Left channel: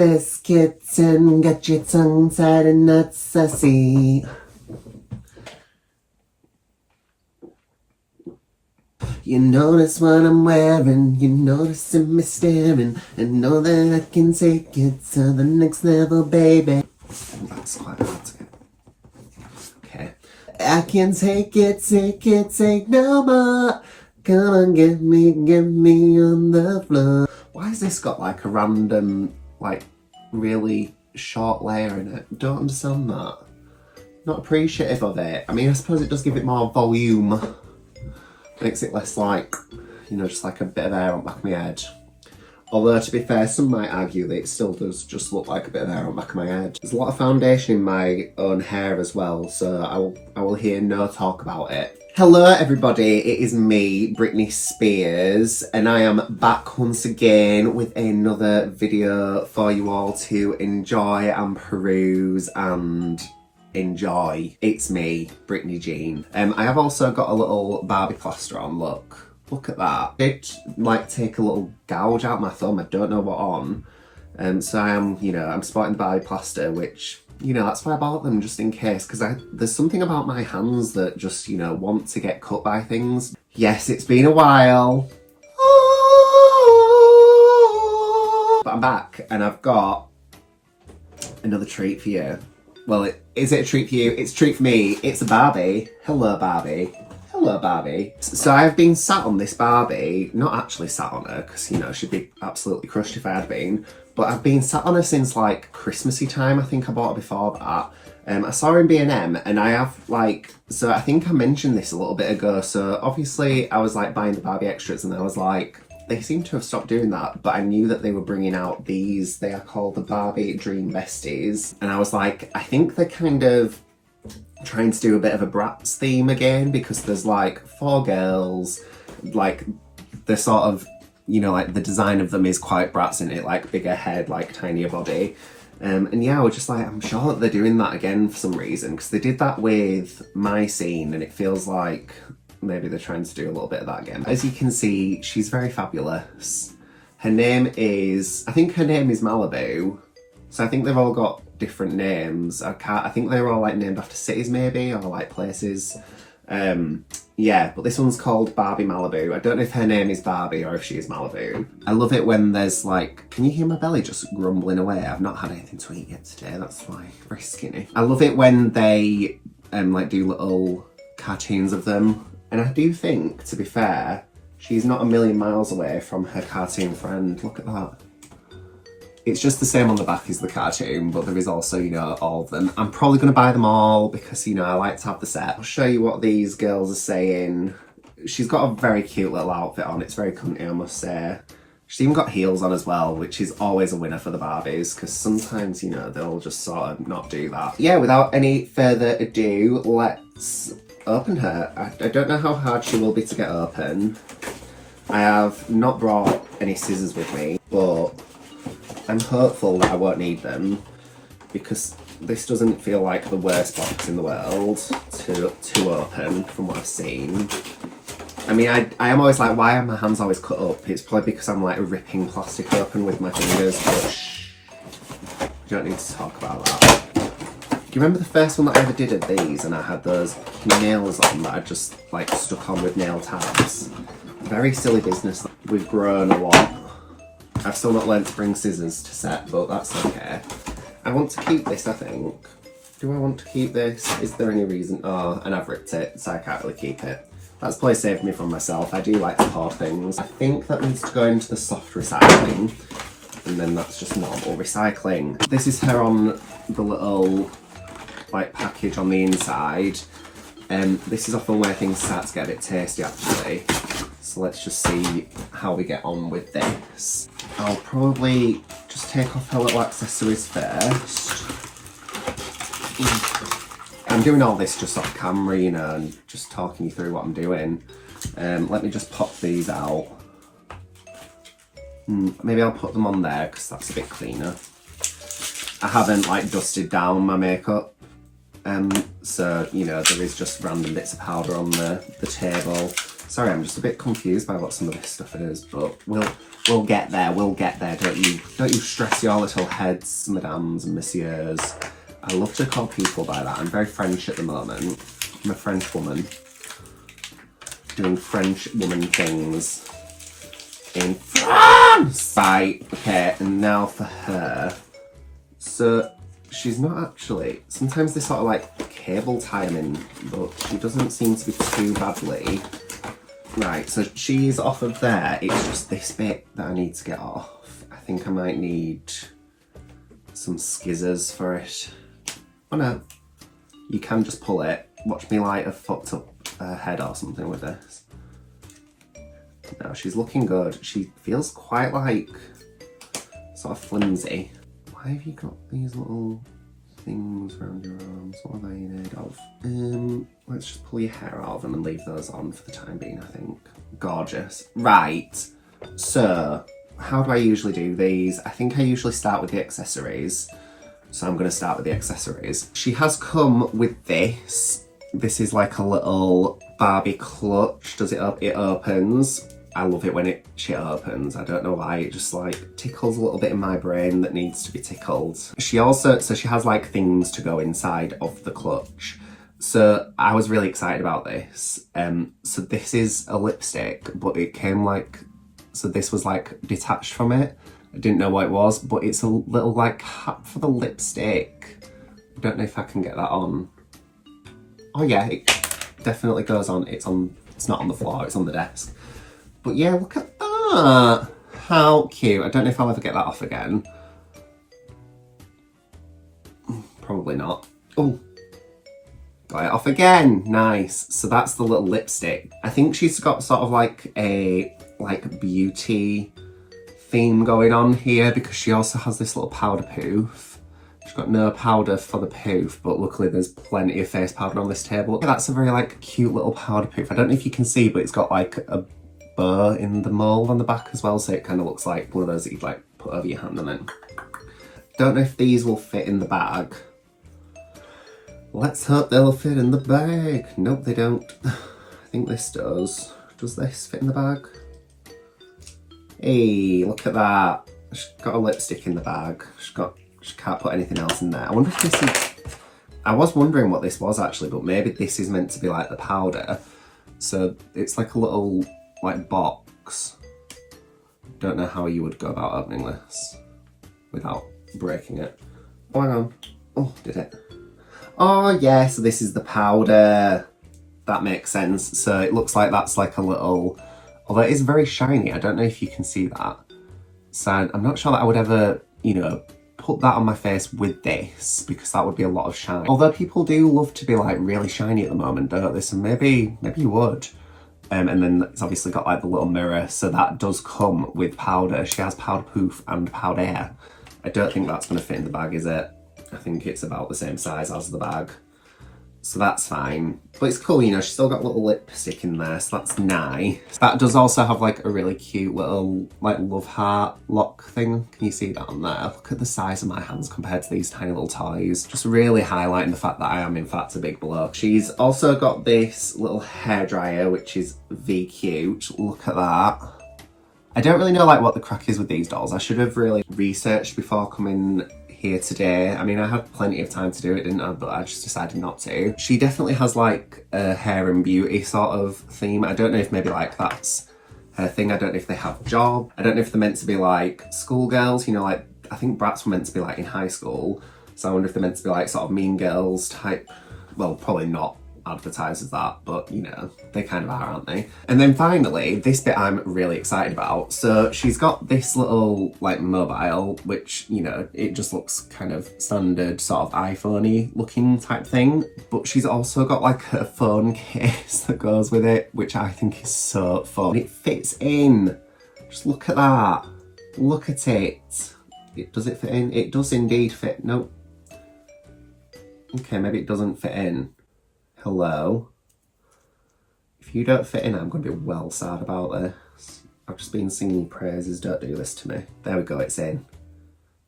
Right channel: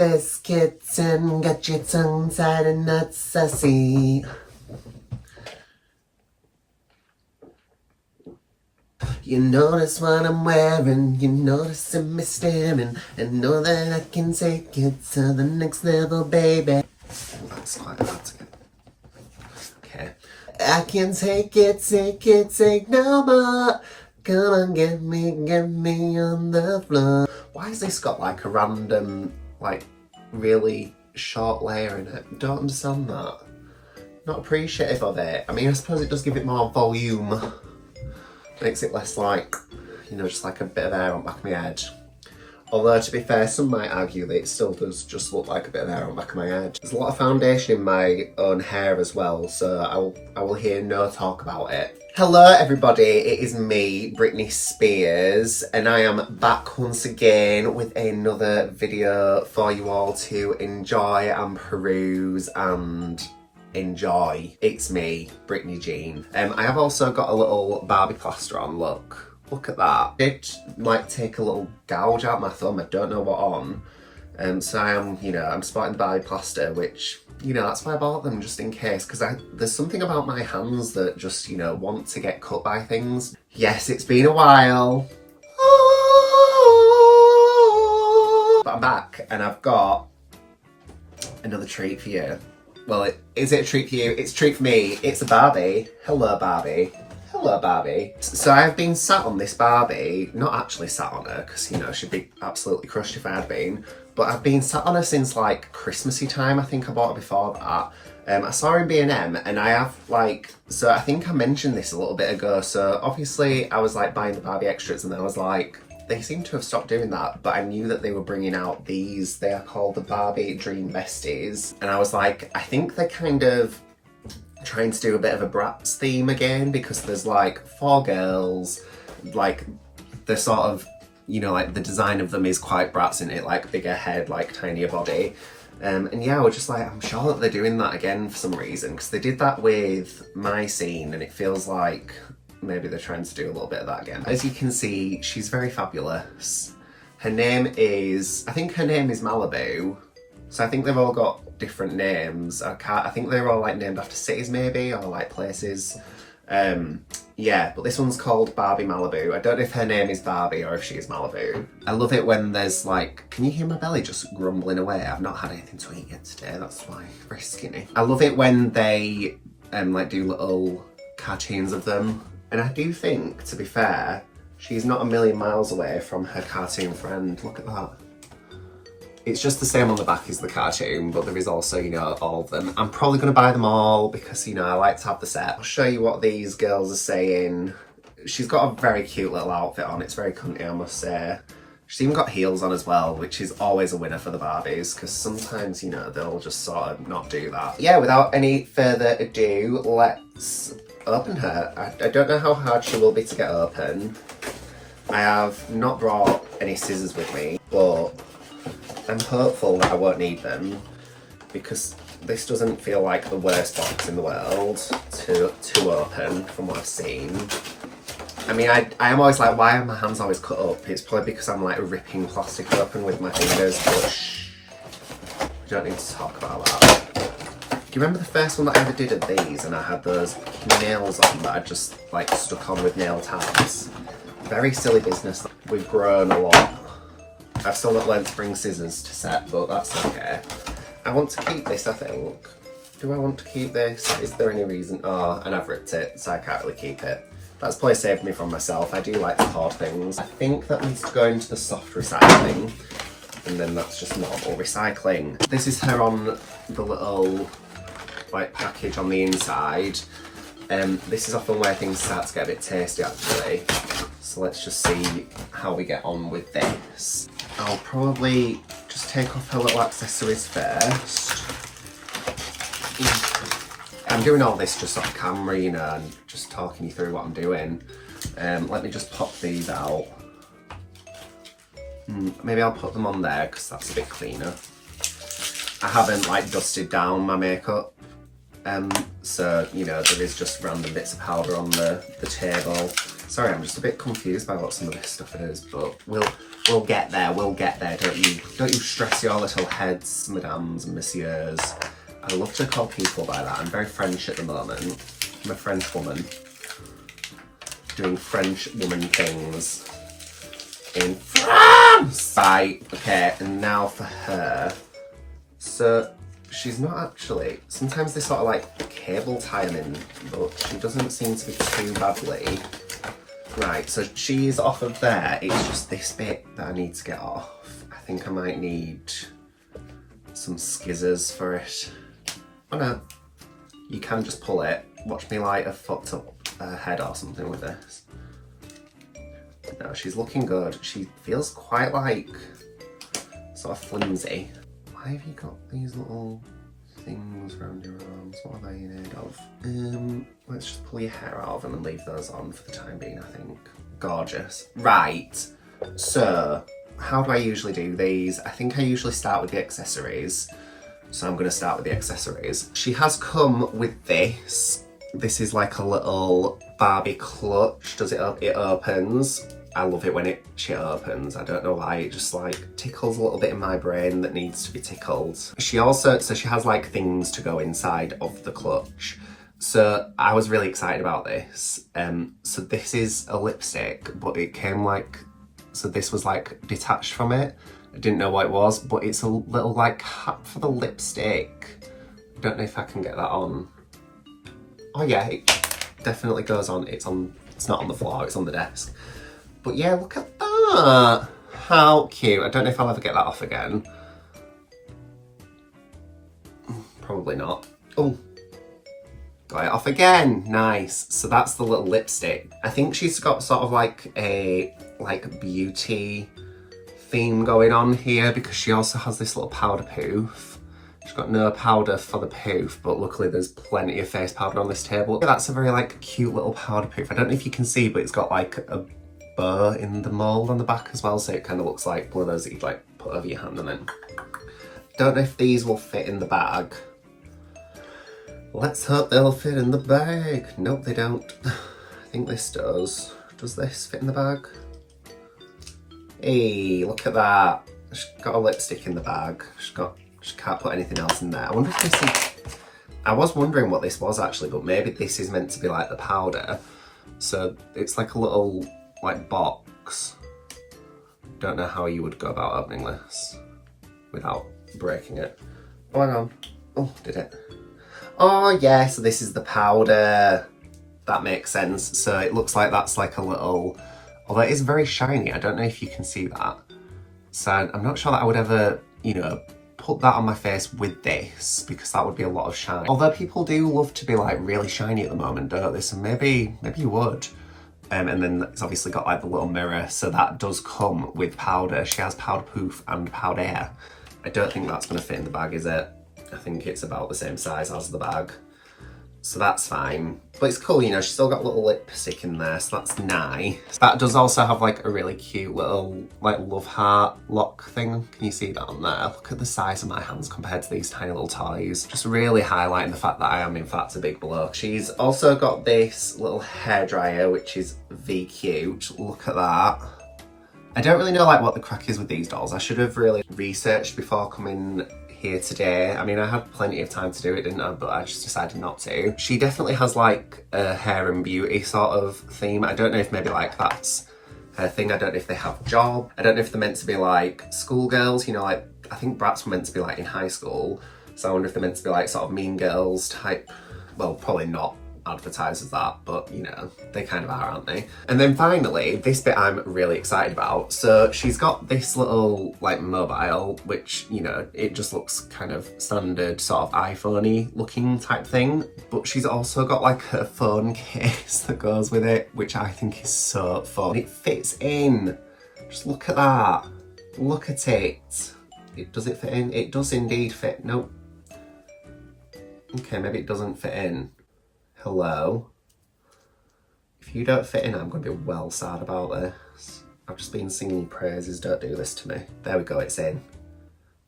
this kitten, got your tongue tied and not sassy. You notice what I'm wearing, you noticing me staring, and know that I can take it to the next level, baby. Oh, that's quite hard to get. Okay. I can take it, take no more. Come on, get me on the floor. Why has this got like a random, like, really short layer in it? Don't understand that. Not appreciative of it. I mean, I suppose it does give it more volume. Makes it less like, you know, just like a bit of hair on the back of my head. Although, to be fair, some might argue that it still does just look like a bit of hair on the back of my head. There's a lot of foundation in my own hair as well, so I will hear no talk about it. Hello everybody, it is me, Britney Spears, and I am back once again with another video for you all to enjoy and peruse and enjoy. It's me, Britney Jean. I have also got a little Barbie plaster on, look at that. I did like take a little gouge out my thumb, I don't know what on. So I am, you know, I'm sporting Barbie plaster, which, you know, that's why I bought them, just in case, because there's something about my hands that just, you know, want to get cut by things. Yes, it's been a while. But I'm back, and I've got another treat for you. Well, is it a treat for you? It's a treat for me. It's a Barbie. Hello, Barbie. Hello, Barbie. So I've been sat on this Barbie, not actually sat on her, because, you know, she'd be absolutely crushed if I had been, but I've been sat on her since, like, Christmassy time. I think I bought her before that. I saw her in B&M, and I have, like, so I think I mentioned this a little bit ago, so obviously I was, like, buying the Barbie extras, and I was like, they seem to have stopped doing that, but I knew that they were bringing out these. They are called the Barbie Dream Besties. And I was like, I think they're kind of trying to do a bit of a Bratz theme again, because there's like 4 girls, like they're sort of, you know, like the design of them is quite Bratz in it, like bigger head, like tinier body. And yeah, we're just like, I'm sure that they're doing that again for some reason, because they did that with My Scene, and it feels like maybe they're trying to do a little bit of that again. As you can see, she's very fabulous. Her name is, I think her name is Malibu. So I think they've all got different names. I think they're all like named after cities maybe, or like places. Yeah, but this one's called Barbie Malibu. I don't know if her name is Barbie or if she is Malibu. I love it when there's like, can you hear my belly just grumbling away? I've not had anything to eat yet today, that's why, very skinny. I love it when they like do little cartoons of them. And I do think, to be fair, she's not a million miles away from her cartoon friend. Look at that. It's just the same on the back as the cartoon, but there is also, you know, all of them. I'm probably going to buy them all because, you know, I like to have the set. I'll show you what these girls are saying. She's got a very cute little outfit on. It's very cunty, I must say. She's even got heels on as well, which is always a winner for the Barbies, because sometimes, you know, they'll just sort of not do that. Yeah, without any further ado, let's open her. I don't know how hard she will be to get open. I have not brought any scissors with me, but I'm hopeful that I won't need them, because this doesn't feel like the worst box in the world to open from what I've seen. I mean, I am always like, why are my hands always cut up? It's probably because I'm like ripping plastic open with my fingers, but shh, we don't need to talk about that. Do you remember the first one that I ever did of these, and I had those nails on that I just like stuck on with nail tabs? Very silly business. We've grown a lot. I've still not learned to bring scissors to set, but that's okay. I want to keep this, I think. Do I want to keep this? Is there any reason? Oh, and I've ripped it, so I can't really keep it. That's probably saved me from myself. I do like to hoard things. I think that needs to go into the soft recycling, and then that's just normal recycling. This is her on the little like package on the inside. This is often where things start to get a bit tasty actually. So let's just see how we get on with this. I'll probably just take off her little accessories first. I'm doing all this just off camera, you know, and just talking you through what I'm doing. Let me just pop these out. Maybe I'll put them on there because that's a bit cleaner. I haven't like dusted down my makeup. So, you know, there is just random bits of powder on the table. Sorry, I'm just a bit confused by what some of this stuff is, but we'll get there, we'll get there. Don't you stress your little heads, madams and messieurs. I love to call people by that. I'm very French at the moment. I'm a French woman. Doing French woman things in France! Right, okay, and now for her. So, she's not actually, sometimes they sort of like cable tie them in, but she doesn't seem to be too badly. Right, so she's off of there. It's just this bit that I need to get off. I think I might need some skizzers for it. Oh no, you can just pull it. Watch me like a fucked up head or something with this. No, she's looking good. She feels quite like sort of flimsy. Why have you got these little things around your arms? What are they made of? Let's just pull your hair out of them and leave those on for the time being, I think. Gorgeous. Right, so how do I usually do these? I think I usually start with the accessories. So I'm gonna start with the accessories. She has come with this. This is like a little Barbie clutch. Does it opens. I love it when she opens. I don't know why, it just like tickles a little bit in my brain that needs to be tickled. She has like things to go inside of the clutch. So I was really excited about this. So this is a lipstick, but it came like, so this was like detached from it. I didn't know what it was, but it's a little like hat for the lipstick. I don't know if I can get that on. Oh yeah, it definitely goes on. It's not on the floor, it's on the desk. But yeah, look at that. How cute. I don't know if I'll ever get that off again. Probably not. Oh, got it off again. Nice. So that's the little lipstick. I think she's got sort of like a beauty theme going on here because she also has this little powder poof. She's got no powder for the poof, but luckily there's plenty of face powder on this table. Yeah, that's a very like cute little powder poof. I don't know if you can see, but it's got like a bow in the mold on the back as well, so it kind of looks like one of those that you'd like put over your hand and then. Don't know if these will fit in the bag. Let's hope they'll fit in the bag. Nope, they don't. I think this does. Does this fit in the bag? Hey, look at that. She's got a lipstick in the bag. She can't put anything else in there. I wonder if this is, I was wondering what this was actually, but maybe this is meant to be like the powder. So it's like a little like box. Don't know how you would go about opening this without breaking it. Oh, hang on. Oh, did it? Oh yeah, so this is the powder. That makes sense. So it looks like that's like a little, although it is very shiny. I don't know if you can see that. So I'm not sure that I would ever, you know, put that on my face with this because that would be a lot of shine. Although people do love to be like really shiny at the moment, don't they? So maybe you would. And then it's obviously got like the little mirror, so that does come with powder. She has powder poof and powder. I don't think that's gonna fit in the bag, is it? I think it's about the same size as the bag. So that's fine. But it's cool, you know, she's still got a little lipstick in there, so that's nice. That does also have like a really cute little like love heart lock thing. Can you see that on there? Look at the size of my hands compared to these tiny little toys. Just really highlighting the fact that I am in fact a big bloke. She's also got this little hairdryer, which is V cute. Look at that. I don't really know like what the crack is with these dolls. I should have really researched before coming here today. I mean, I had plenty of time to do it, didn't I? But I just decided not to. She definitely has like a hair and beauty sort of theme. I don't know if maybe like that's her thing. I don't know if they have a job. I don't know if they're meant to be like schoolgirls, you know, like I think brats were meant to be like in high school. So I wonder if they're meant to be like sort of mean girls type. Well, probably not advertised as that, but you know, they kind of are, aren't they? And then finally, this bit I'm really excited about. So she's got this little like mobile, which, you know, it just looks kind of standard sort of iPhone-y looking type thing, but she's also got like a phone case that goes with it, which I think is so fun. It fits in. Just look at that. Look at it. Does it fit in? It does indeed fit. Nope. Okay, maybe it doesn't fit in. Hello. If you don't fit in, I'm going to be well sad about this. I've just been singing praises, don't do this to me. There we go, it's in.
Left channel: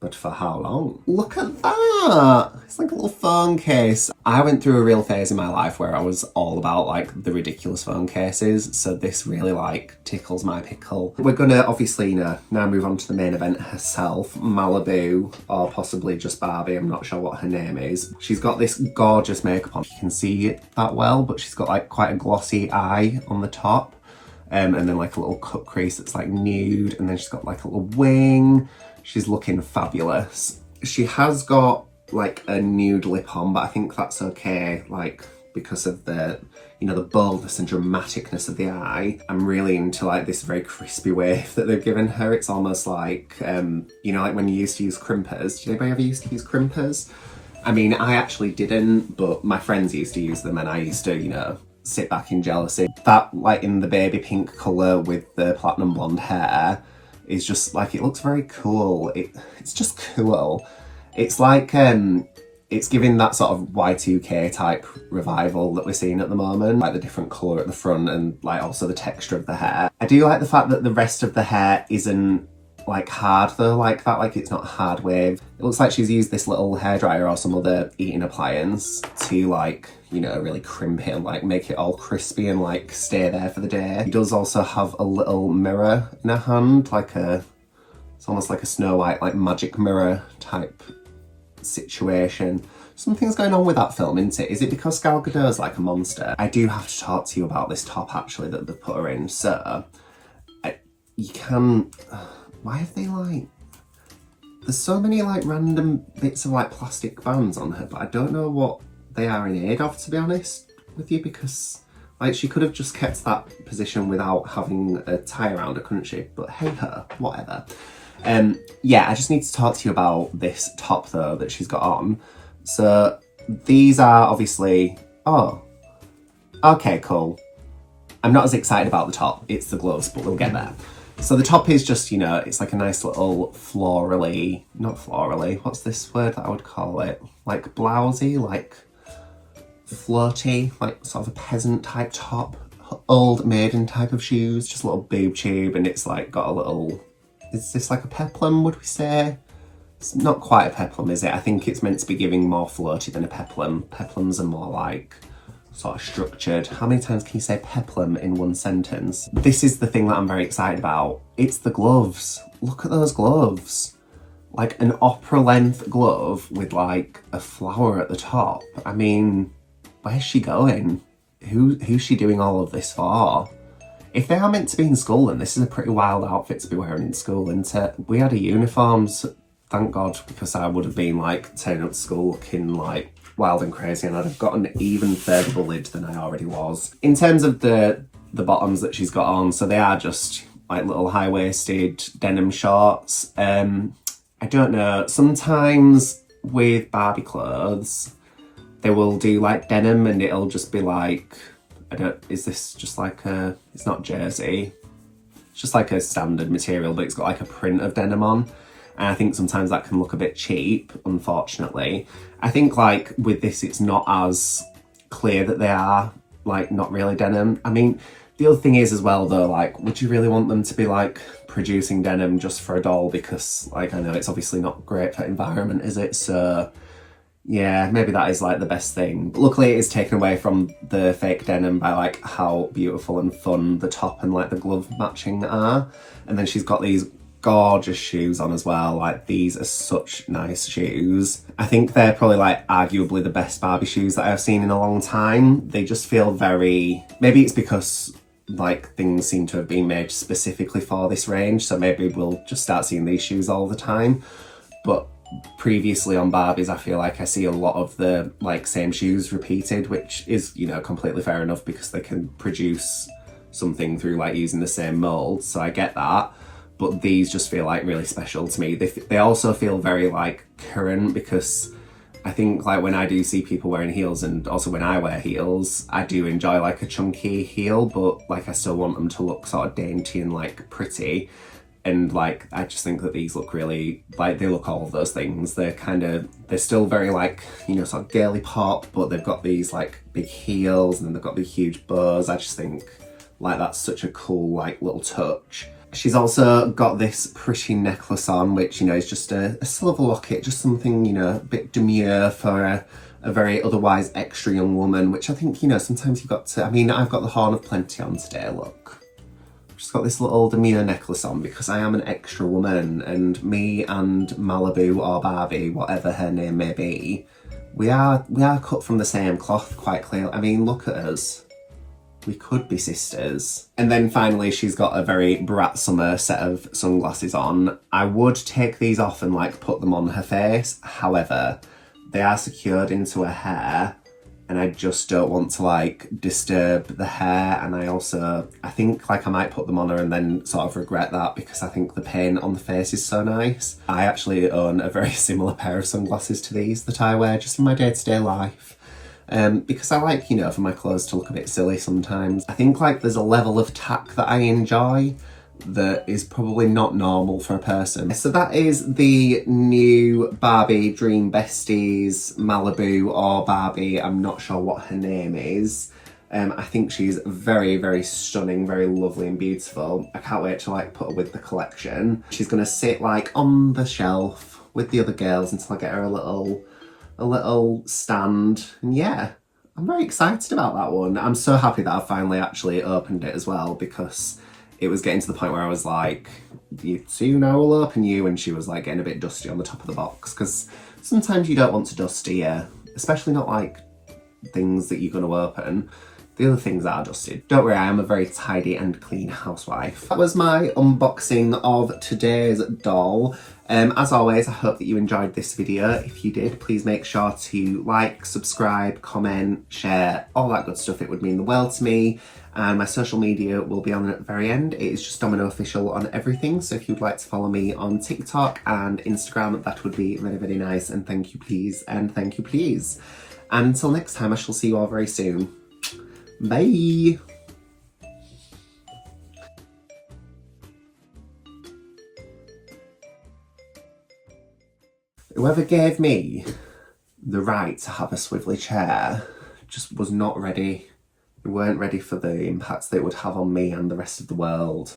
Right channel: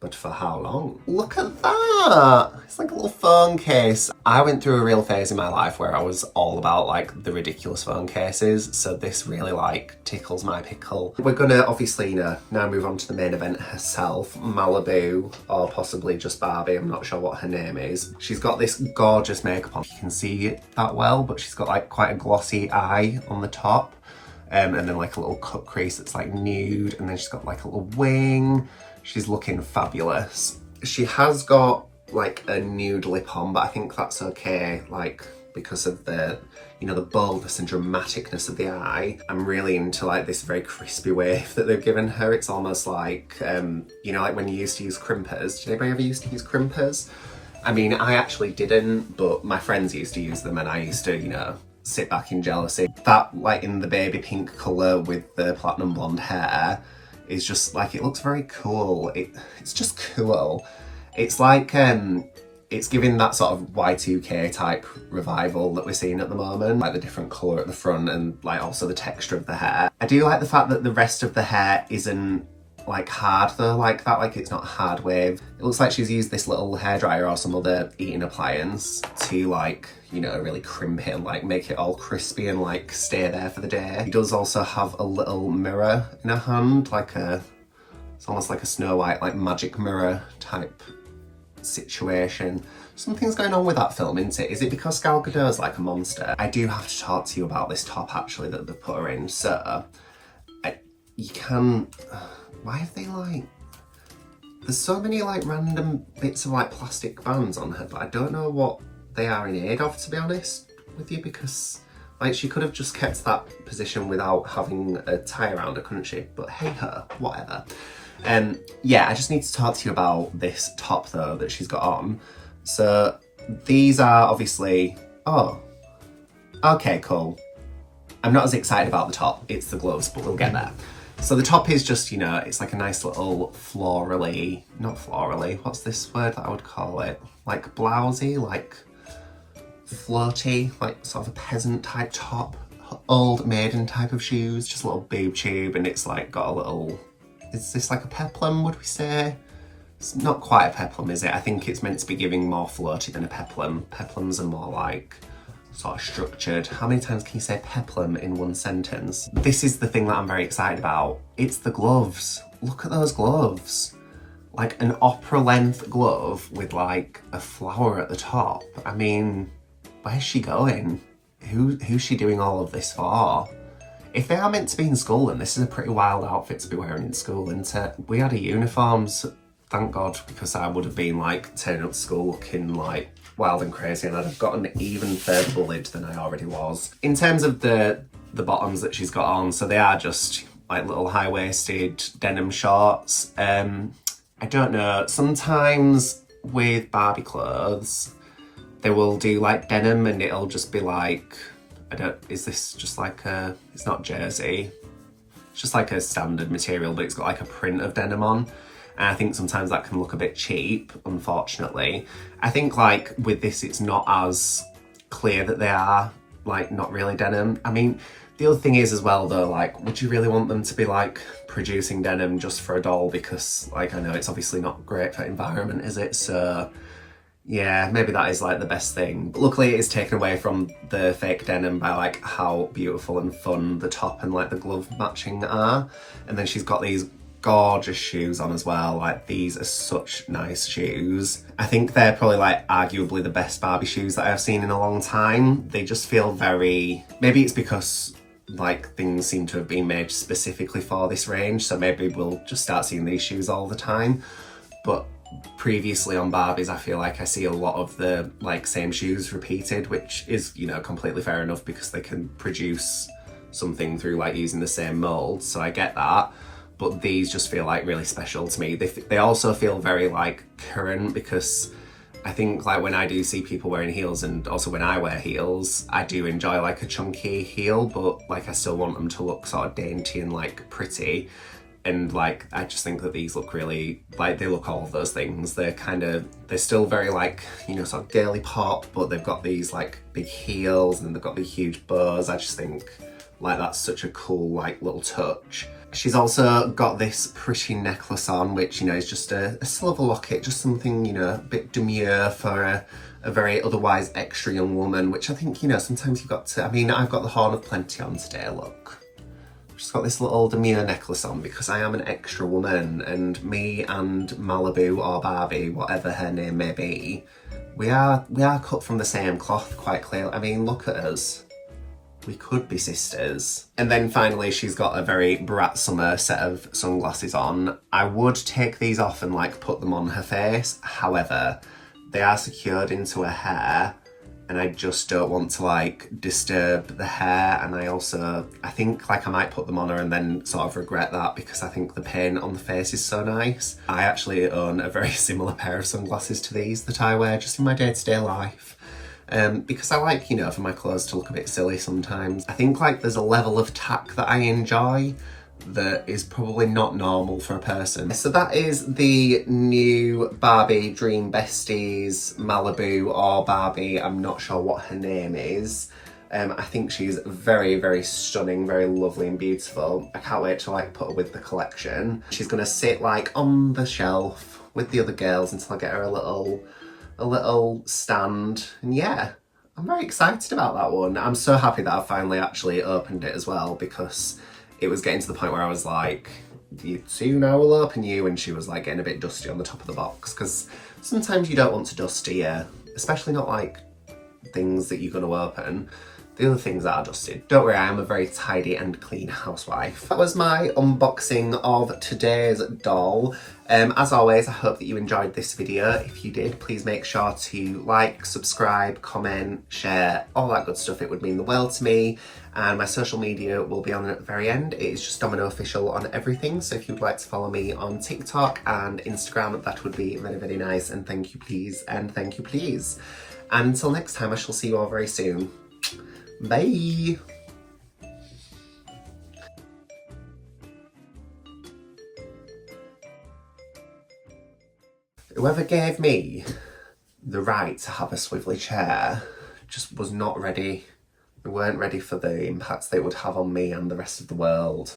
But for how long? Look at that! It's like a little phone case. I went through a real phase in my life where I was all about like the ridiculous phone cases, so this really like tickles my pickle. We're gonna obviously now move on to the main event herself, Malibu, or possibly just Barbie, I'm not sure what her name is. She's got this gorgeous makeup on. You can see it that well, but she's got like quite a glossy eye on the top. And then like a little cut crease that's like nude, and then she's got like a little wing. She's looking fabulous. She has got like a nude lip on, but I think that's okay, like because of the, you know, the boldness and dramaticness of the eye. I'm really into like this very crispy wave that they've given her. It's almost like, you know, like when you used to use crimpers. Did anybody ever used to use crimpers? I mean, I actually didn't, but my friends used to use them, and I used to, you know, sit back in jealousy. That like in the baby pink colour with the platinum blonde hair is just like, it looks very cool. It's just cool. It's like, it's giving that sort of Y2K type revival that we're seeing at the moment. Like the different colour at the front and like also the texture of the hair. I do like the fact that the rest of the hair isn't like hard though, like that, like it's not hard wave. It looks like she's used this little hairdryer or some other eating appliance to like, you know, really crimp it and like make it all crispy and like stay there for the day. She does also have a little mirror in her hand, like it's almost like a Snow White, like magic mirror type situation. Something's going on with that film, isn't it? Is it because Gal Gadot's like a monster? I do have to talk to you about this top actually that they've put her in. So, you can, why have they like, there's so many like random bits of like plastic bands on her, but I don't know what they are in aid of, to be honest with you, because like she could have just kept that position without having a tie around her, couldn't she? But hey her, whatever. Yeah, I just need to talk to you about this top though that she's got on. So these are obviously, oh, okay, cool. I'm not as excited about the top, it's the gloves, but we'll get there. So the top is just, you know, it's like a nice little florally, not florally, what's this word that I would call it? Like blousey, like floaty, like sort of a peasant type top, old maiden type of shoes, just a little boob tube, and it's like got a little, is this like a peplum, would we say? It's not quite a peplum, is it? I think it's meant to be giving more floaty than a peplum. Peplums are more like sort of structured. How many times can you say peplum in one sentence? This is the thing that I'm very excited about. It's the gloves. Look at those gloves. Like an opera length glove with like a flower at the top. I mean, where's she going? Who's she doing all of this for? If they are meant to be in school, then this is a pretty wild outfit to be wearing in school, isn't it? We had a uniform, so thank God, because I would have been like turning up to school looking like wild and crazy, and I'd have gotten even further bullied than I already was. In terms of the bottoms that she's got on, so they are just like little high-waisted denim shorts. I don't know, sometimes with Barbie clothes, they will do like denim and it'll just be like, is this just like it's not jersey, it's just like a standard material, but it's got like a print of denim on. And I think sometimes that can look a bit cheap, unfortunately. I think like with this, it's not as clear that they are like not really denim. I mean, the other thing is as well though, like, would you really want them to be like producing denim just for a doll? Because like, I know it's obviously not great for environment, is it? So yeah, maybe that is like the best thing. But luckily it is taken away from the fake denim by like how beautiful and fun the top and like the glove matching are. And then she's got these gorgeous shoes on as well. Like these are such nice shoes. I think they're probably like arguably the best Barbie shoes that I've seen in a long time. They just feel very, maybe it's because like things seem to have been made specifically for this range, so maybe we'll just start seeing these shoes all the time. But previously on Barbies, I feel like I see a lot of the like same shoes repeated, which is, you know, completely fair enough because they can produce something through like using the same mold, so I get that. But these just feel like really special to me. They also feel very like current, because I think like when I do see people wearing heels, and also when I wear heels, I do enjoy like a chunky heel, but like I still want them to look sort of dainty and like pretty. And like, I just think that these look really, like they look all of those things. They're still very like, you know, sort of girly pop, but they've got these like big heels and they've got these huge bows. I just think Like, that's such a cool, like, little touch. She's also got this pretty necklace on, which, you know, is just a silver locket, just something, you know, a bit demure for a very otherwise extra young woman, which I think, you know, sometimes you've got to, I mean, I've got the horn of plenty on today, look. Just got this little demure necklace on because I am an extra woman, and me and Malibu or Barbie, whatever her name may be, we are cut from the same cloth quite clearly. I mean, look at us. We could be sisters. And then finally, she's got a very Brat Summer set of sunglasses on. I would take these off and like put them on her face. However, they are secured into her hair and I just don't want to like disturb the hair. And I think like I might put them on her and then sort of regret that because I think the paint on the face is so nice. I actually own a very similar pair of sunglasses to these that I wear just in my day-to-day life. Because I like, you know, for my clothes to look a bit silly sometimes. I think like there's a level of tack that I enjoy that is probably not normal for a person. So that is the new Barbie Dream Besties Malibu or Barbie. I'm not sure what her name is. I think she's very, very stunning, very lovely and beautiful. I can't wait to like put her with the collection. She's gonna sit like on the shelf with the other girls until I get her a little stand, and yeah, I'm very excited about that one. I'm so happy that I finally actually opened it as well because it was getting to the point where I was like, you two now will open you, and she was like getting a bit dusty on the top of the box because sometimes you don't want to dusty you, especially not like things that you're going to open. The other things are dusted. Don't worry, I am a very tidy and clean housewife. That was my unboxing of today's doll. As always, I hope that you enjoyed this video. If you did, please make sure to like, subscribe, comment, share, all that good stuff. It would mean the world to me. And my social media will be on at the very end. It is just Domino Official on everything. So if you'd like to follow me on TikTok and Instagram, that would be very, very nice. And thank you, please. And thank you, please. And until next time, I shall see you all very soon. Bye! Whoever gave me the right to have a swivelly chair just was not ready. They weren't ready for the impact they would have on me and the rest of the world.